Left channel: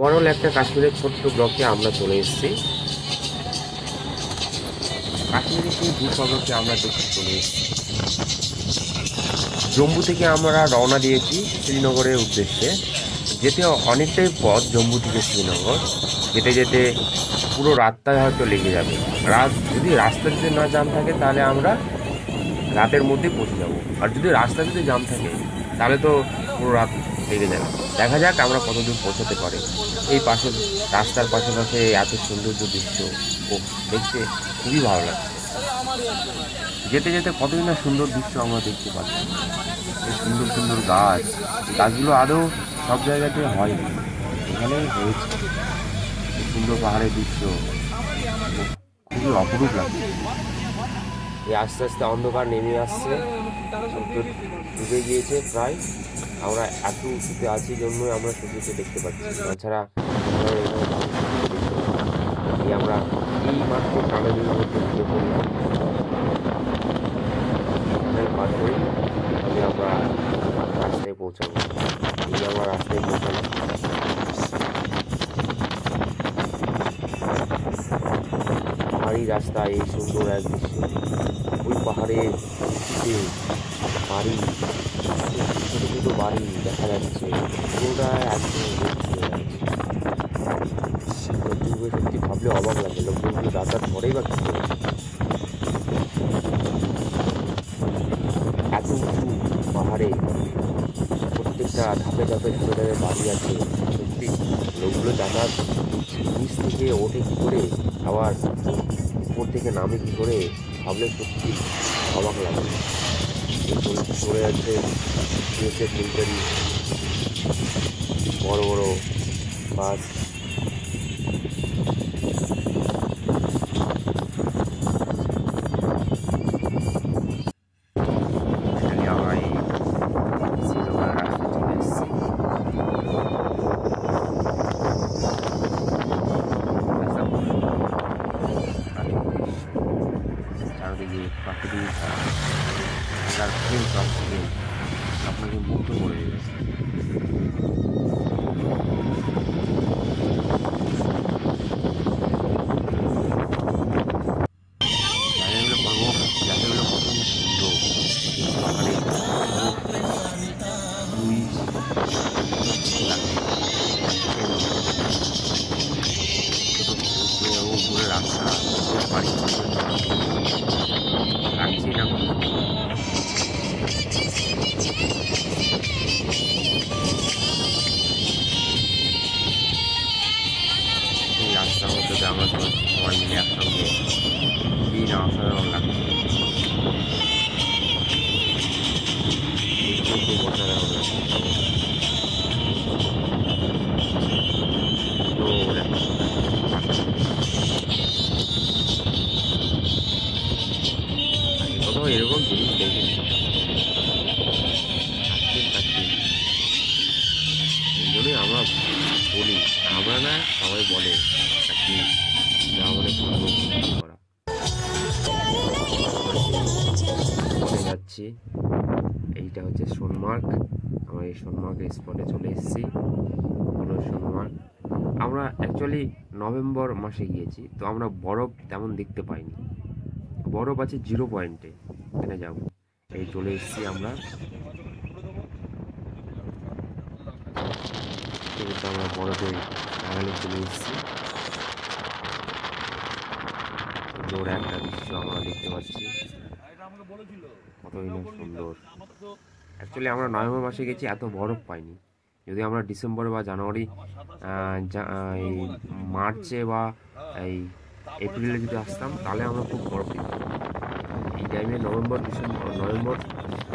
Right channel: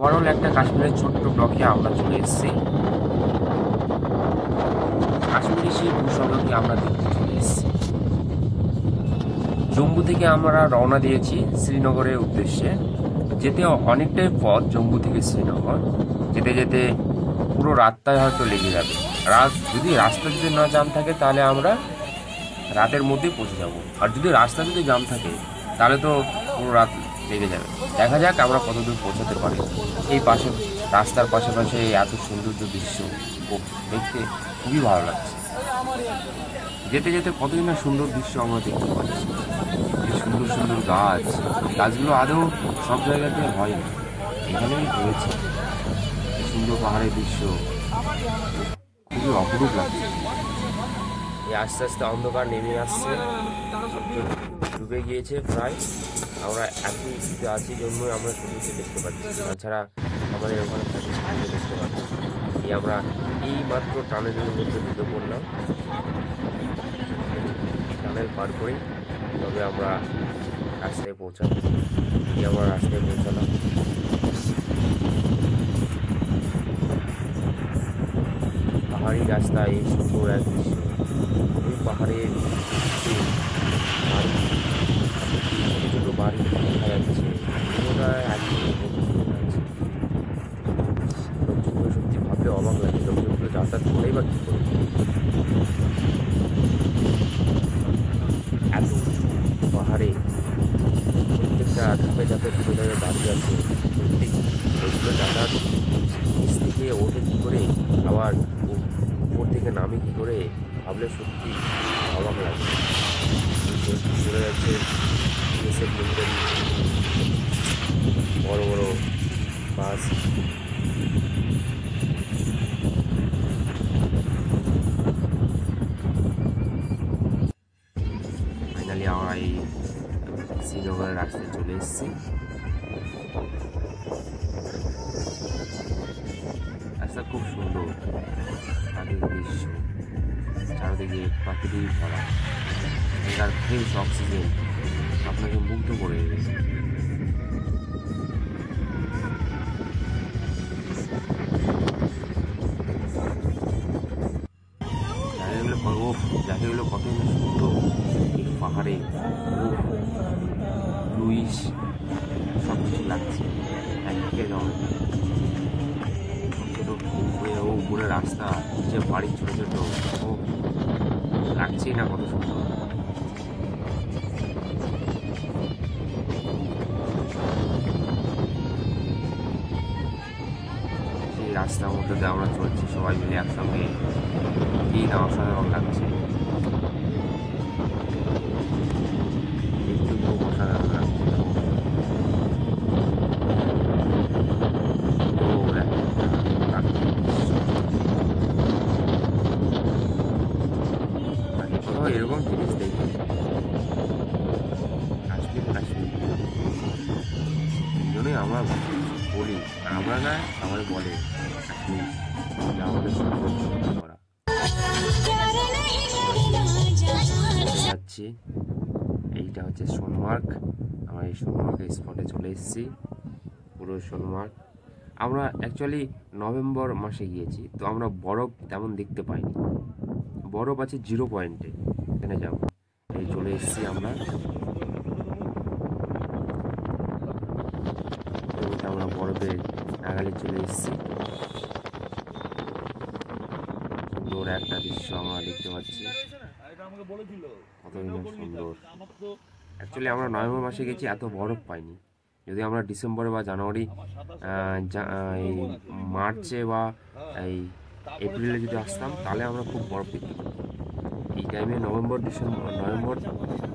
Overall একটা কাশ্মীরের ছোট্ট ব্লকে আমরা চলে এসেছি। কাশ্মীরে সেই ভূস্বর্গকে আমরা দেখতে চলে এসেছি। জম্মু থেকে আমরা রওনা দিয়েছি শ্রীনগরের উদ্দেশ্যে। যেতে অনেকটাই পথ জম্মু থেকে শ্রীনগর। যেতে যেতে পুরো রাতটাই হয়তো লেগে যাবে। যদি রাস্তা যদি না জ্যাম থাকে তাহলে আমরা রাতের মধ্যেই পৌঁছে যাব। আর যদি রাস্তা যদি জ্যাম থাকে তাহলে তো পুরো রাত লেগে যাবে। দেখা যাক আমরা কতদূর পৌঁছাতে পারি। এই পাশে রাস্তার পাশে এত সৌন্দর্য দৃশ্য দেখতে খুবই ভালো লাগছে। যেতে যেতে কতই না সুন্দর দৃশ্য আমরা দেখতে পাচ্ছি। যে সুন্দর সুন্দর গাছ, গাছগুলো আদৌ সব জায়গাতে হয়নি, এখানেই হয়েছে। এই সুন্দর পাহাড়ের দৃশ্য খুবই অপরূপ লাগছে। এই আস্তে আস্তে অন্ধকার নেমে আসছে, ডুবে গিয়েছে প্রায়। আমরা এত উঁচুতে আছি জন্যই আমরা সূর্যকে দেখতে পাচ্ছি, তাছাড়া আমরা এখানে সূর্যকে দেখতে পাচ্ছি। এই আমরা এই মাত্র টানেলের মধ্যে ঢুকে পড়লাম। টানেল পার করেই তবে আমরা রাস্তায় পৌঁছাবো। এই আমরা রাস্তায় পৌঁছালাম। পাহাড়ি রাস্তা, এই সুন্দর এক দৃশ্য। ওই পাহাড়ের বাড়ি, ছোটো ছোটো বাড়ি দেখা যাচ্ছে, পুরোটা একদম লোকজনগুলো সত্যি ভাবলে অবাক লাগে। লোকজনগুলো যাতায়াত করেই বা কী করে? এত উঁচু পাহাড়ে প্রত্যেকটা ধাপে বাড়ি আছে। সত্যি লোকগুলো যাতায়াত নিচ থেকে ওঠে কী করে, আবার উপর থেকে নামে কী করে, ভাবলে সত্যি অবাক লাগে। পড়ে যাচ্ছে বিএসএফ মিলিটারি বড় বড় বাস। ফাইনালি আমরা এই শ্রীনগরের রাস্তায় চলে এসেছি। রাস্তা খুব সুন্দর, চারিদিকে প্রাকৃতিক ছাড়া এখানকার ফ্রেশ অক্সিজেন আপনাকে মুগ্ধ করে দেবে। জায়গাগুলো কত সুন্দর, পাহাড়ে লুইস সব কিছু লাগছে। উপরে রাস্তা, বাড়ি ঘরের লাগছে না কত সুন্দর। এই রাস্তার মধ্যে দিয়ে আমরা চলছি সবাই মিলে একসঙ্গে, খুবই না অসাধারণ লাগছে। দেখতেও খুব অসাধারণ লাগছে। কোথাও এরকম জিনিস দেখিনি। এই জন্যই আমরা বলি, আমরা না সবাই বলে আমাদের সংরক্ষণ করা। যাচ্ছি, এইটা হচ্ছে সোনমার্গ। আমরা এই সোনমার্গের স্পটে চলে এসেছি। পুরো সোনমার্গ আমরা অ্যাকচুয়ালি নভেম্বর মাসে গিয়েছি, তো আমরা বরফ তেমন দেখতে পাইনি। বরফ আছে 0 পয়েন্টে, এখানে যাব। এই চলে এসেছি আমরা। আমরা বরফে নাগালে চলে এসেছি। সুন্দর একটা দৃশ্য আমরা দেখতে পাচ্ছি, কতই না সুন্দর। অ্যাকচুয়ালি আমরা নভেম্বর মাসে গেছি, এত বরফ পাইনি। যদি আমরা ডিসেম্বরে বা জানুয়ারি, এই মার্চে বা এই এপ্রিলে যদি আসতাম তাহলে আমরা খুব বরফ পেতাম। এই টাইমে নভেম্বর,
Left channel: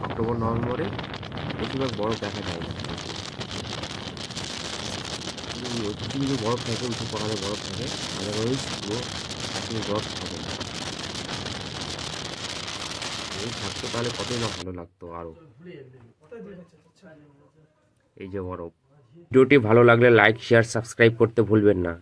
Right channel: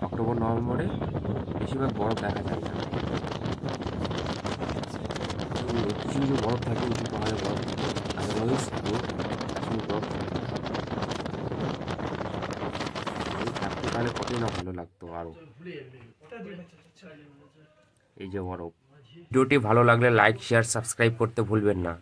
অক্টোবর নভেম্বরে বেশিরভাগ বরফ দেখা যায় না। কিছু কিছু বরফ থাকে, উঁচু পাহাড়ে বরফ থাকে, আদারওয়াইজ পুরো কাশ্মীর বরফ থাকে। থাকতো তাহলে কতই না ভালো লাগতো আরও। এই যে বরফ। ভিডিওটি ভালো লাগলে লাইক, শেয়ার, সাবস্ক্রাইব করতে ভুলবেন না।